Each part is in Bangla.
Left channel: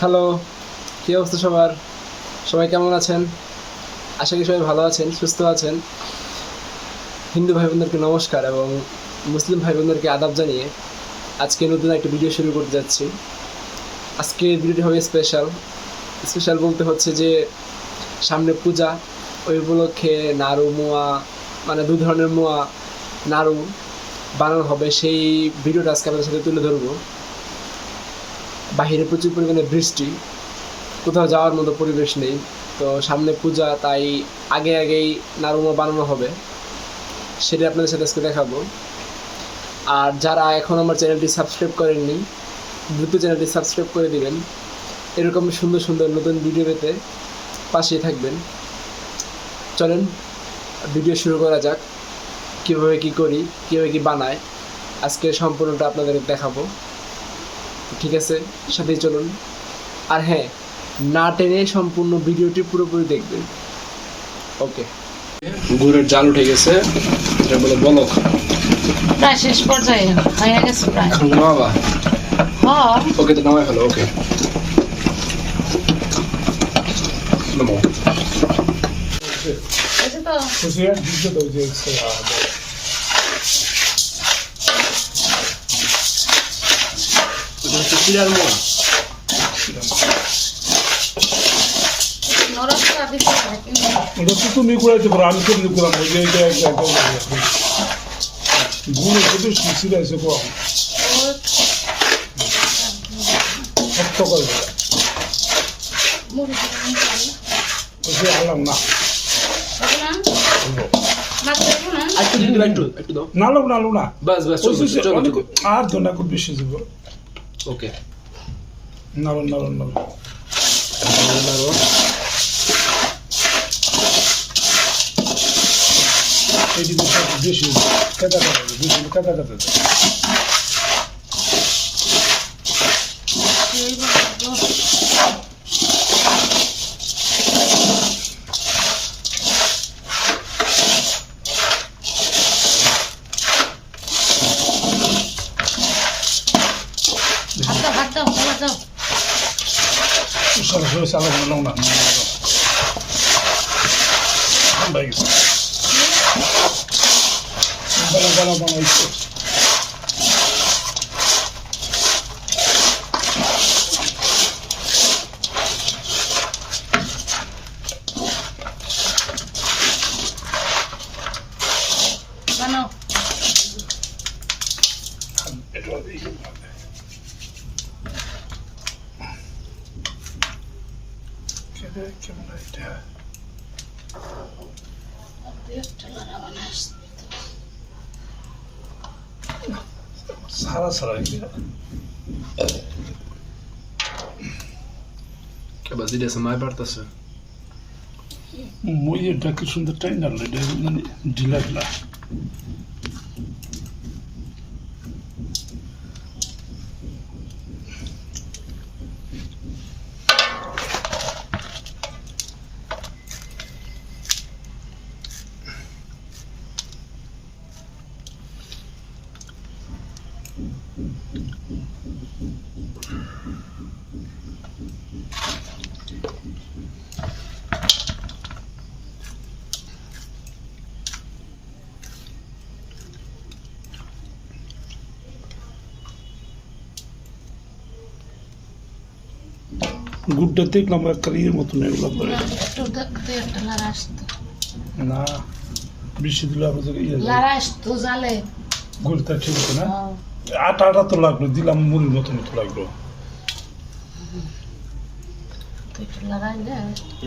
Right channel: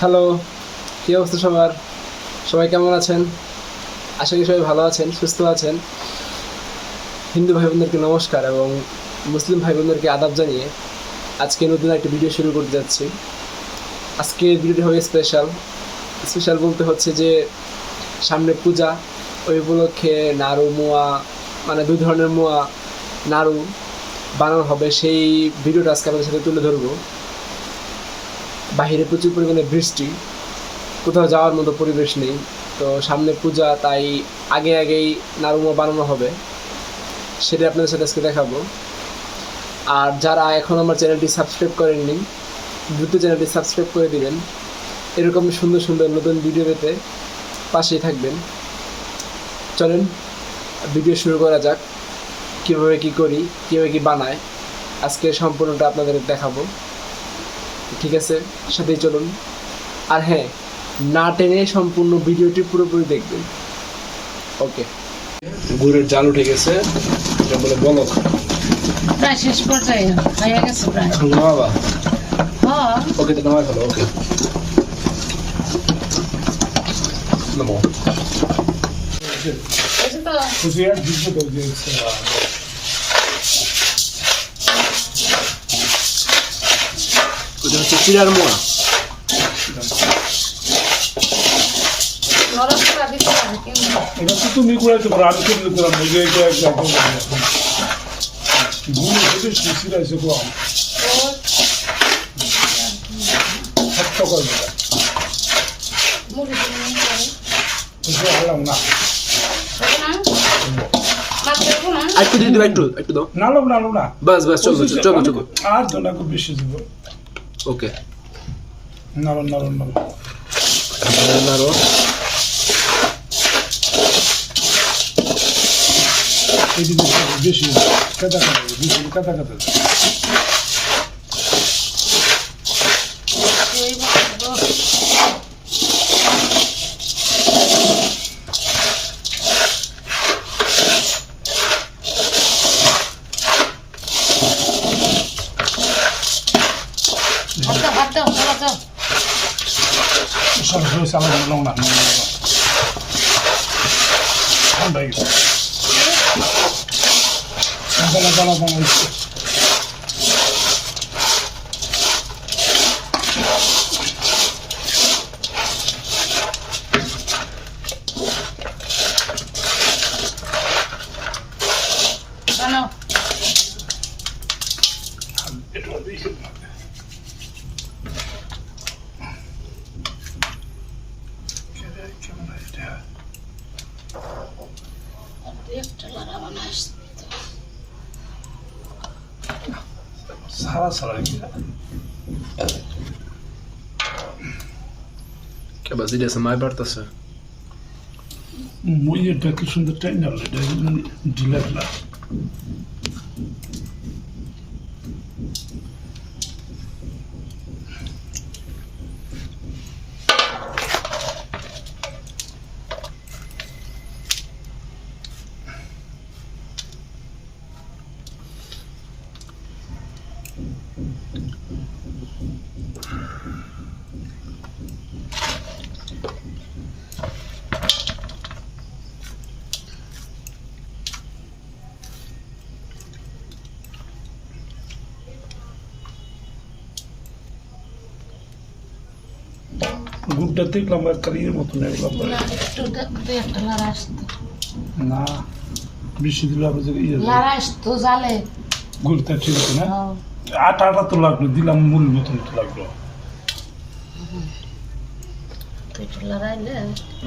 হ্যালো, কী অবস্থা সবার? সবাই কেমন আছেন? আশা করি সবাই ভালো আছেন, সুস্থ আছেন। হিন্দু ভাই বোনদেরকে নমস্কার এবং মুসলিম ভাই বোনদেরকে আদাব জানিয়ে আজকে নতুন একটা ভিডিও শুরু করতে যাচ্ছি। আজকের ভিডিওটি হবে স্পেশাল বলতে হচ্ছে যে সামনে পূজা, ওই উপলক্ষে নাড়ু মোয়া, মানে দুই ধরনের মোয়া নাড়ু বানানো হবে। সেই ভিডিওটা আজকে আপনাদের সাথে তুলে ধরবো। বাহিরে প্রচুর পরিমাণে বৃষ্টি, কোথাও যাওয়ার মতো পরিবেশ নেই, তো সামনে পূজা, তাই আগেই নাড়ুমা বানানো হবে, সেটা আপনাদের সাথে আজকে দেখাবো। আর যারা এখন আমার চ্যানেলটি সাবস্ক্রাইব করেননি, দ্রুত চ্যানেলটি সাবস্ক্রাইব করে দিবেন। এরকম সুন্দর সুন্দর নতুন ভিডিও পেতে পাশেই থাকবেন। চলেন ভিডিও শুরু করা যাক। কীভাবে কী করি, কীভাবে কী বানায়, আজকে সম্পূর্ণটা আপনাদের দেখাবো। ঠিক আছে, সাথেই চলুন। আর হ্যাঁ, না টেনে সম্পূর্ণ ভিডিওটি পুরোপুরি দেখবেন। ওকে, গুড়ের জাল উঠে গেছে, এটা বলে বলক। প্রায় শেষ পর্যায়ে হয়ে গেছে প্রায়। এখন নামাবা? হ্যাঁ। ওকে, তো নামাই ফেলো। ওকে, নামো। এটা তো ওটা হচ্ছে চিরার মোয়া। নরসটা বেশি লাগে কিন্তু এটা তো তুমি করাইতে পারো, আমি কেমনি করাম? এটা একদম গুলো যদি শিশিরাইছে কম সকালবেলা মুড়ি ওইটা খেলাম না। একটু দিয়ে দিবা, একটু দাও। নালো নালো না, বাস চলো। আর তো না, খুব বেশি দিব। ওকে, নালো নালো নালো নাড়ো। এটি বেশি কাটা কাটা বেশি কাটা কাটা সরাসরি চালা নাও না, ঠান্ডা গেছে বেলা বেলা বানাইছে। বানাও। এটা দেখে কেমন এটা একটা লাড়া বানাইস সারা সারা কে বাজি দেছে মাই বাড়তাছে। মুইটা কি সুন্দর টাইম না ঢিলা ঢিলা। গুড়টা দেখলাম একটা ইয়ের মতন এগুলো একটু দুই একটা লাড়া আসতো। না, বেশি দিলে আবার ইয়ে লাড়া আসতো জালে। গুড়টা ঠিক আছে না, আটা আটা তো লাগলো, দিলাম মুড়ির মতন তো লাগলো। তুই একটু লড়াইলে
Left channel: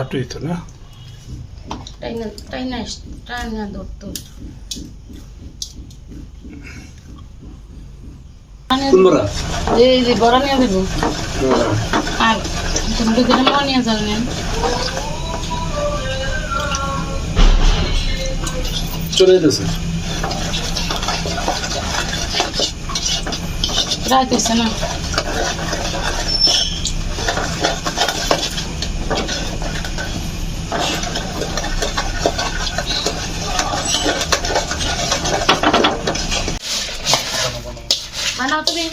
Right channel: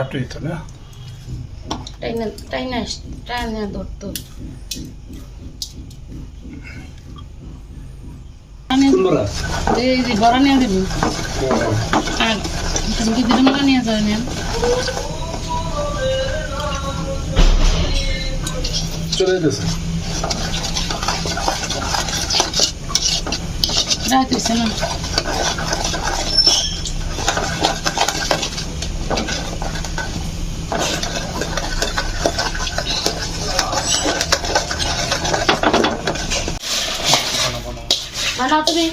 আটই তো না, টাইনা ধরতো। এই যে বড় নিয়ে দেবো আর ভিতরে মা নিয়ে যাও নেন। চলে যেতেছে। রাত হয়েছে না, বানাও তুমি।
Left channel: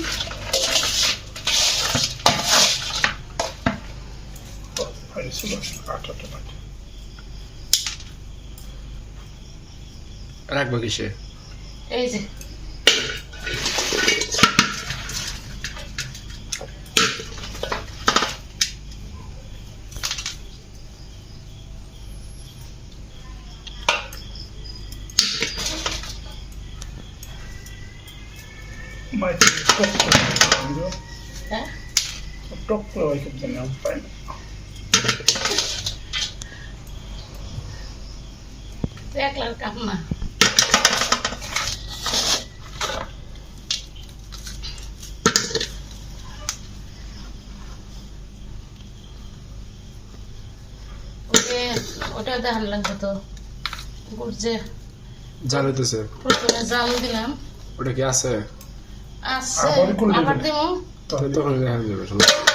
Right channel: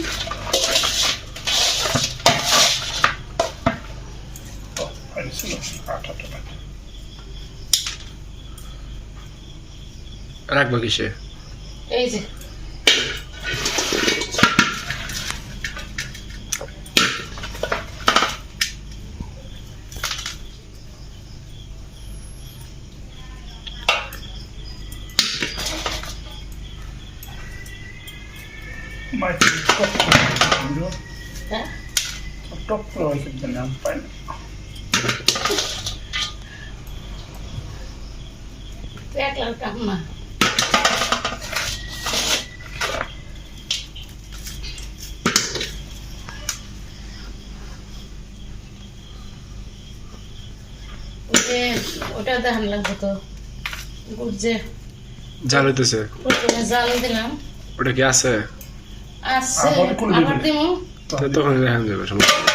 ছিল আটাটা লাগে রাখবো কিসে? এই যে মাইকে টক হ্যাঁ টক করে হয় কিন্তু নাম পাই না একলার কাম না ওটা দেখান লাগবে তো গুড় যে জাল হইতেছে, প্রথমে জাল দিলাম ওটা কি আছে? আছে আবার কোন আবার দিবে? দিমু তখন দেখান যাবে, সমস্যা নেই।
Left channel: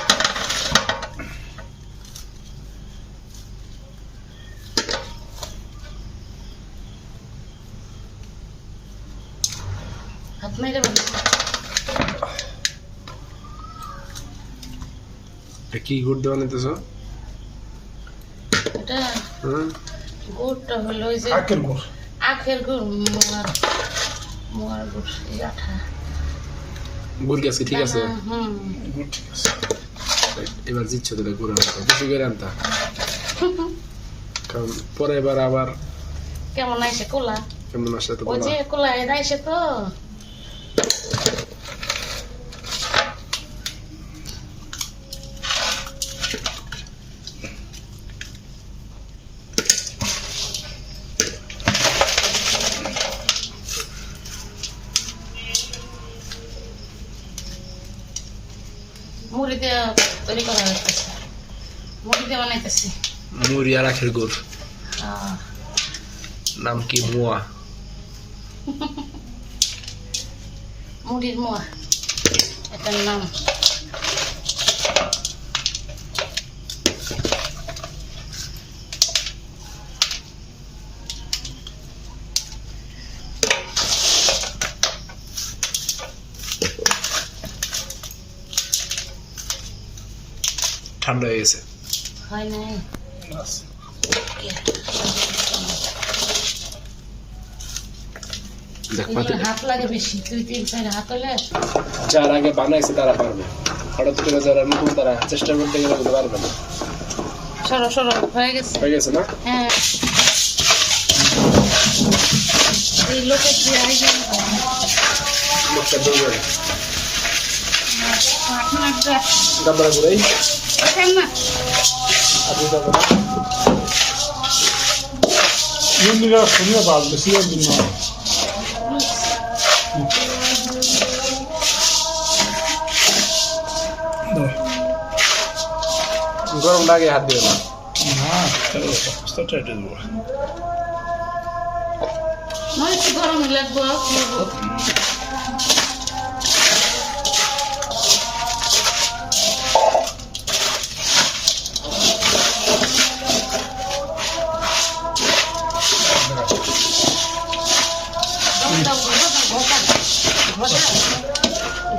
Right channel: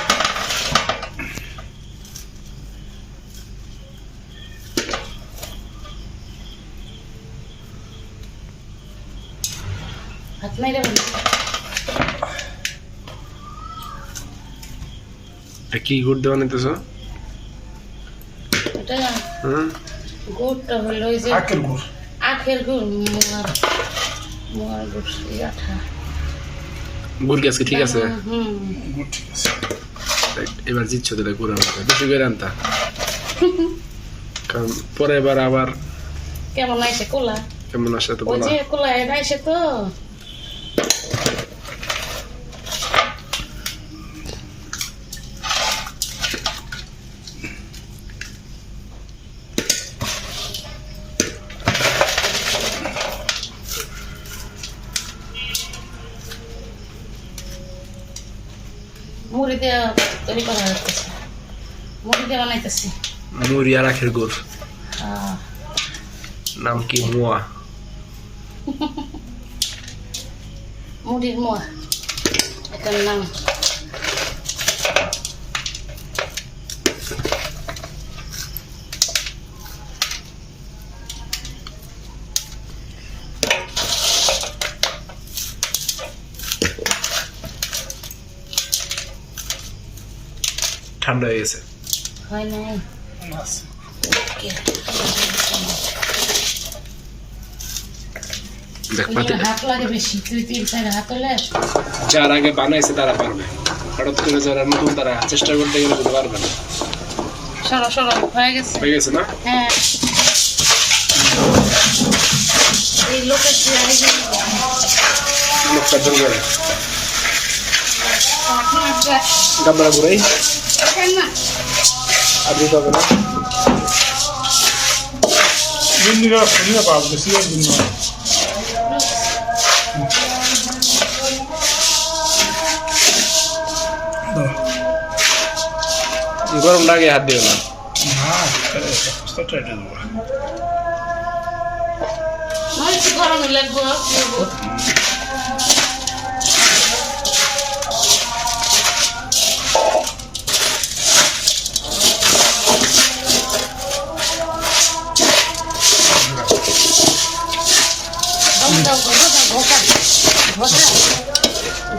হাত মাইরে বলি এটা কি গুড় দেওয়া নিতেছ? এটা হুম, গুড়টা হলো ওই যে আখের গুড় আখের গুড় মোয়ার গুড় এই আঠা গুড় কি আজকে ঠিক আছে? হুম গুড় ঠিক আছে এবার জিতছ তাহলে গুড় আনতে বেশি করে আনতা, কারণ পরে এবার আবার কেমন আইসে কোলা কেমন আসে তো ওই বলা। যে কোলা এটা আইসে তো মুড়ি দিয়ে তৈরি করা হইতেছে মুড়ি দিয়ে বানাইতেছি মুড়ি আর আখের গুড়, আহ, নাম কি? মোয়া। মুড়ির মোয়া এটার নাম ঠান্ডা হয়ে গেছে। হয় নাই আছে দেখ পাতি, হাত লাগে বেশি 2-3 হাত হলে যার আগে বানাইছে তারা পারবে, হঠাৎ করে যারা নতুন তারা চেষ্টা করতে গেলে কিন্তু পারবে না। সরো সরো হয়ে গেছে হয়ে গেছে না? হ্যাঁ এই লোকের যে লোকটা দৌড়ে গামলা ঘুরাই না আপনি পাবেন না। ইন্দিরা শুনিয়ে পাল বেশি দিন না গরম লাগে হাত দিও না। না অবস্থাটা এটা দেবো নয় একটু গরম লাগবো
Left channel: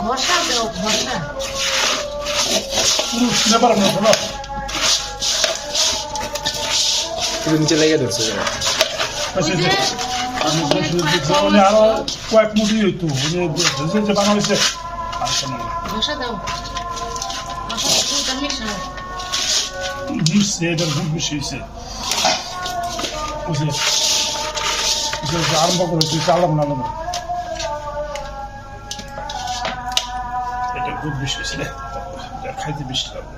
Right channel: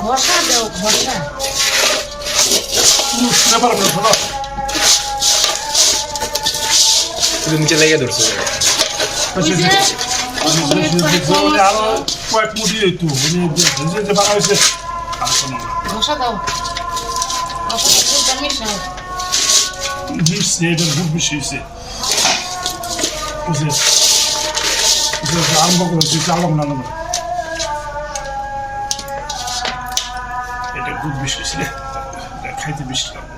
ঘষা দাও ঘষা নেবার আপনার শোনো শুধু নিচে লেগে ধরছে। আরো কয়েক মুঠি হইতো যে বানা হয়েছে ঘষা দাও ঘষা ফুলটা মিশাও মিশছে এটার গুড় বেশি হয়েছে আরম্ভ করেছি চালাম না এটা গুড় বেশি হয়েছে খাইতে বেশি লাগবে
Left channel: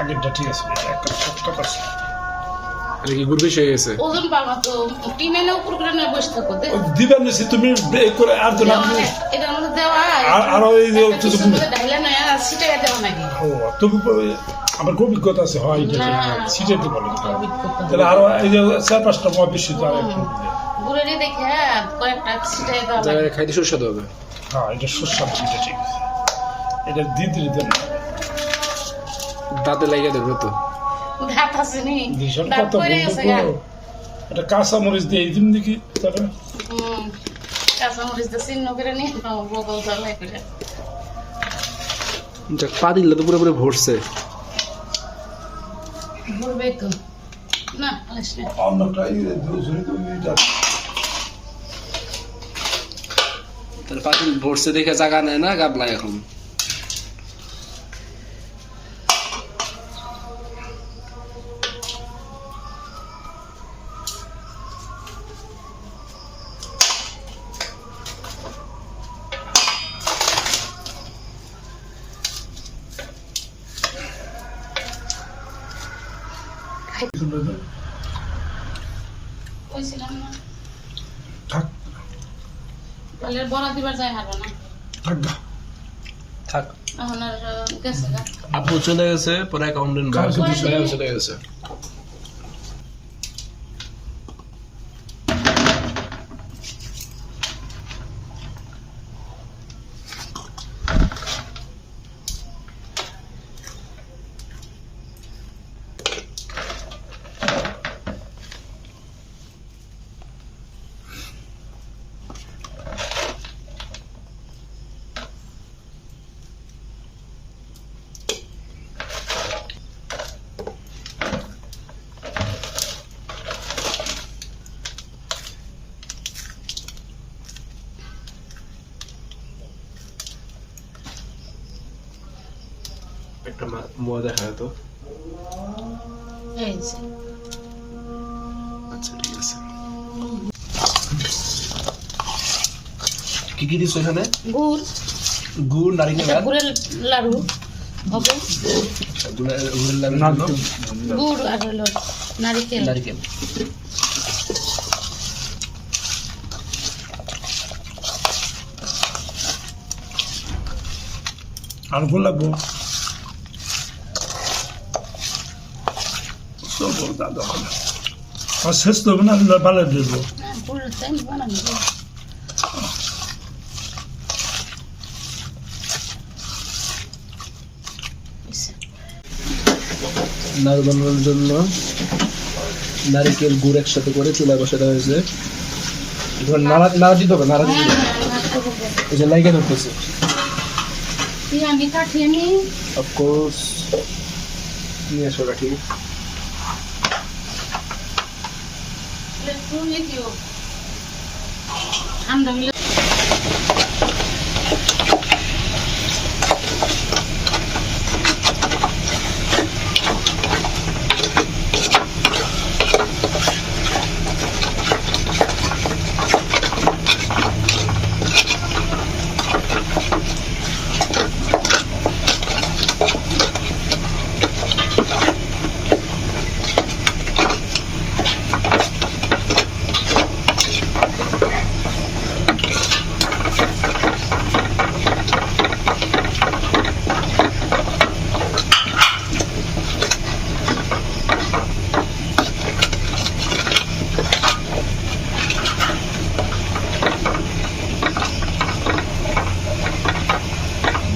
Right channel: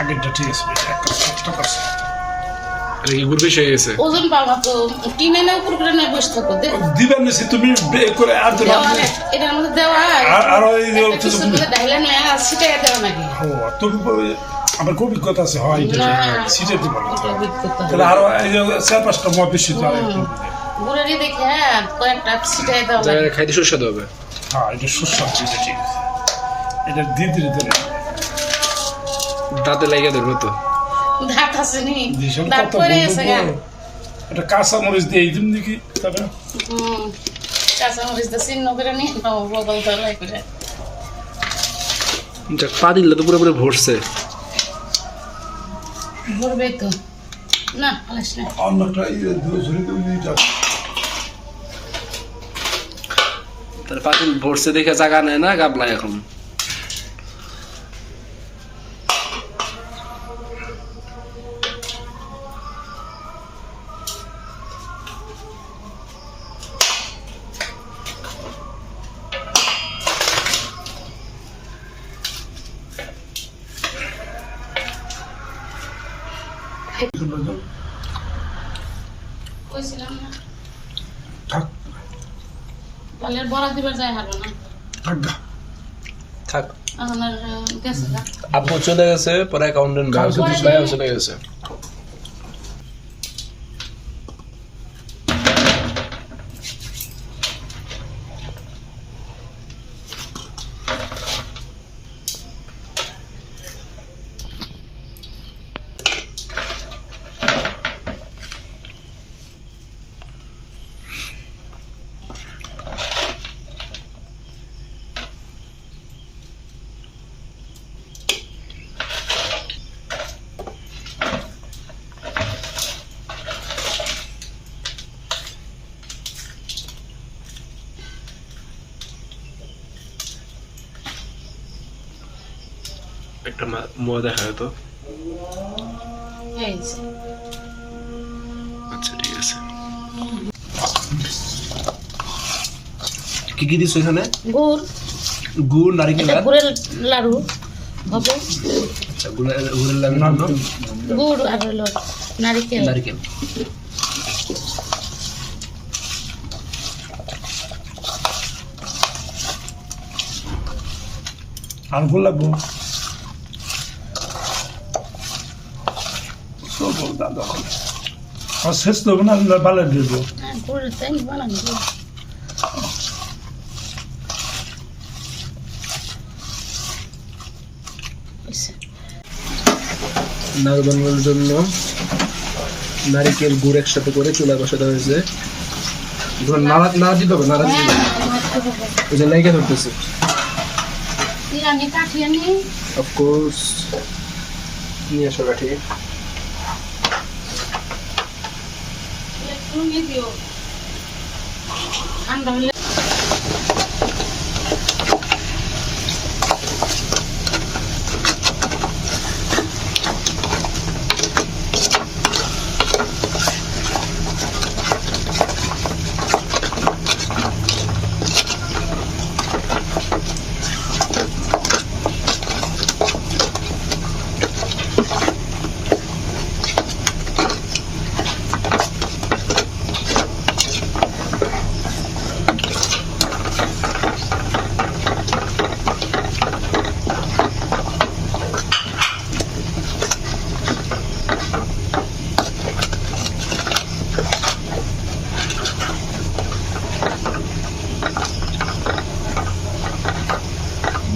আগেরটা ঠিক আছে একটা সবটা করছে এটা কি গুড় বেশি হয়ে গেছে? ওজন পাবা তো টিনে না উপর করে নিয়ে বসে থাকো দে দিবেন নিছি তুমি করে আর তো এটার মধ্যে দেওয়া আরো এই যে ঢাইলা নয় আর সিটাই দেওয়া নাকি তুমি আমার খুব অভিজ্ঞতা আছে হয় সিটাইতে বলে অভিজ্ঞতা তাহলে আরো এই যে 4-5টা মত বেশি তো আর একটু গুড়েরই দেখে কয়েকটা সিটাই দেওয়া যা লাগে খাইতে সুস্বাদু হবে। হ্যাঁ এটা সুস্বাদু এটা ঠিক আছে এটা দিদি দেন দাঁতে লাগিয়ে ধরবে তো। দাঁত আছে নি ভীষণ দাঁত কত পড়ে গেছে গা এটা কাঁচা মরিচ দিয়ে দিন দেখি তবে কাঁচা মরিচ তো চিহ্ন করে নিয়ে বগল তলাই করে যাক, পা দিলে তো পুরোপুরি ভরছে। ভরবে তো না আলাসলে অন্যটা ঝুড়ি তার পাতিল ভরছে দেখে জায়গা নেয় না গাবলায় এখন। কইছিলাম না থাক পালের বড়া দিবার যায় হারবা না থাক গা থাক, এখন আর গেছে গা আপু চলে গেছে, পরে অ্যাকাউন্টেন্ট ভাইও চলে গেছে। একটা মোয়া দেখা তো। এই যে আচ্ছা ঠিক আছে। কি কি দিছো এখানে? গুড়, গুড়, নারিকেল এটা আর গুড়ের লাড়ু হবে, গুড়ের লাড়ু, গুড় আর হলো নারিকেল। নারিকেল। আর গোল লাগবো আর শেষ তো হবে না ভালো দেবো হ্যাঁ, গুড়ের তাই বানানো গুড়। হইছে। নাড়ু বানানোর জন্য নারিকেল গুড় একসাথে করে চুলা বসাতে হয়েছে। নাড়া দিতে হবে, নাড়া দিতে হবে। এই যে লাইকে ধরতেছে। আমি কাঠিয়ে নি অফকোর্স নিয়ে এসো কাঠি। তুমি দিও ঠান্ডা হলে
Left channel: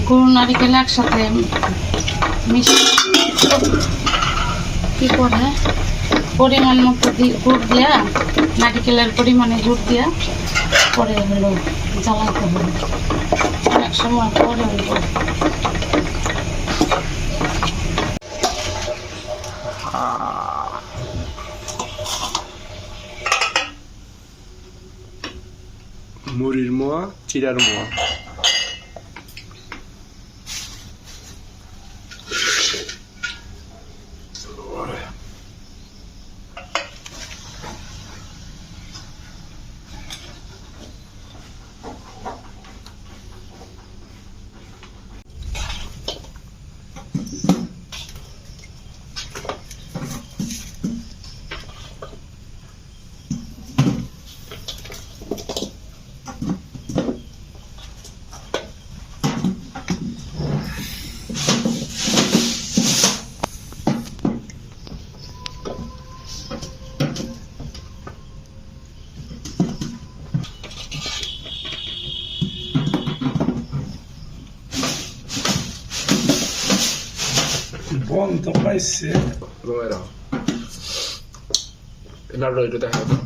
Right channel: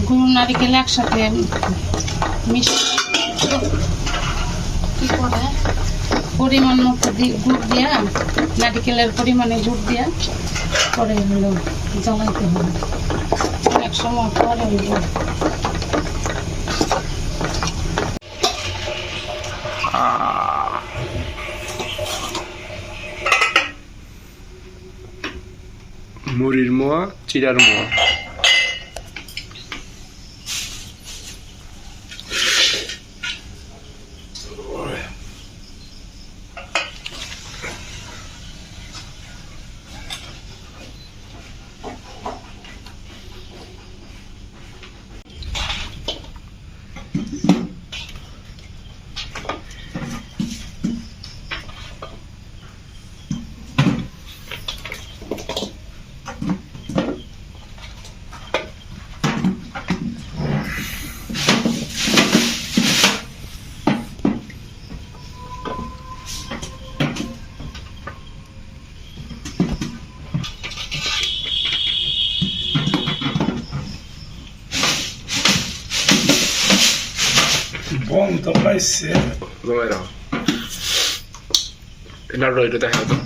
গুড় নারিকেল একসাথে কি করে পরিমাণ মতো গুড় দিয়া, নারিকেলের পরিমাণে গুড় দিয়া পরে হলো জ্বালাইতে হবে। অনেক সময় পরে হইব মুড়ির মোয়া, চিড়ার মোয়া। বন তো পাইছে Bueno. নাড়ু এটা দেখা তো।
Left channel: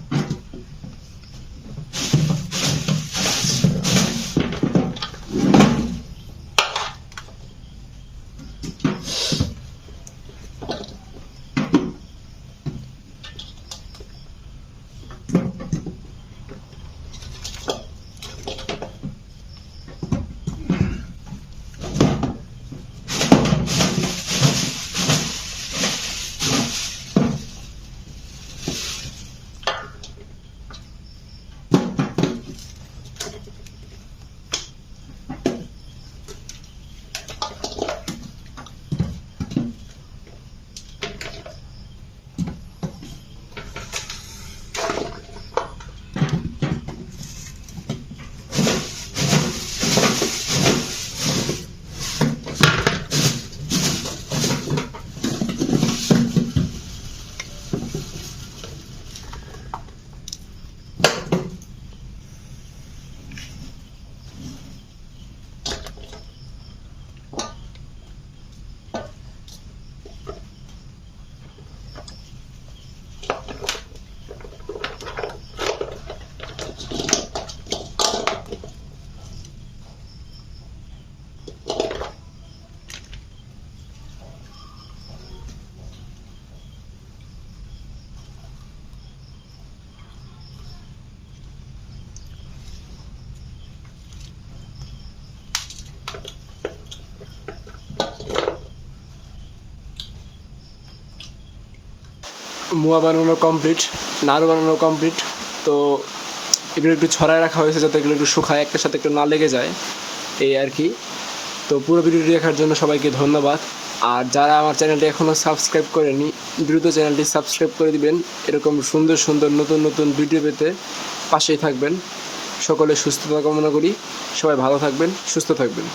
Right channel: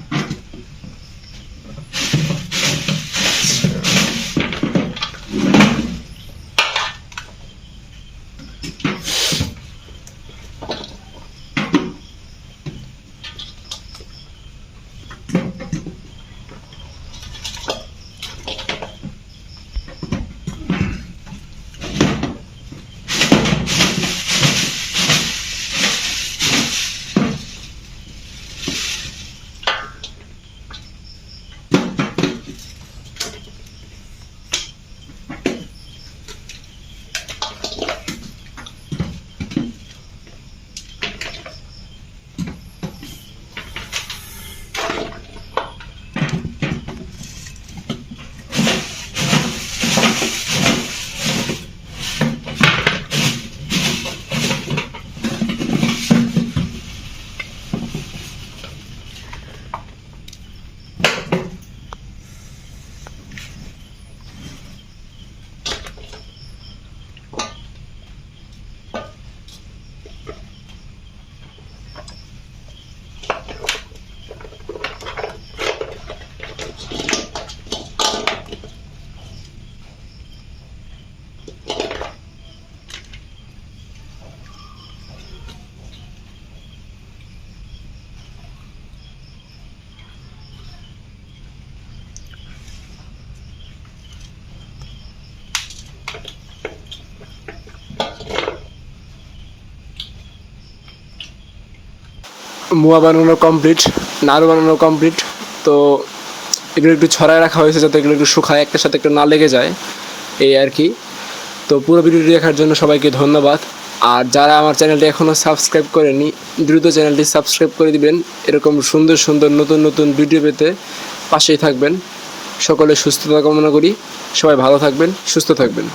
মোয়া বানানো কমপ্লিট, নাড়ু বানানো কমপ্লিট। তো এগুলো একটু ছড়ায় রাখা হয়েছে যাতে এগুলো একটু শুকায়, একটার সাথে একটু না লেগে যায়, এই আর কি। তো পুরো ভিডিওটি দেখার জন্য সবাইকে ধন্যবাদ। আর যারা আমার চ্যানেলটি এখনও সাবস্ক্রাইব করেনি, দ্রুত চ্যানেলটি সাবস্ক্রাইব করে দিবেন। এরকম সুন্দর সুন্দর নতুন নতুন ভিডিও পেতে পাশেই থাকবেন। সকলে সুস্থতা কামনা করি। সবাই ভালো থাকবেন, সুস্থ থাকবেন।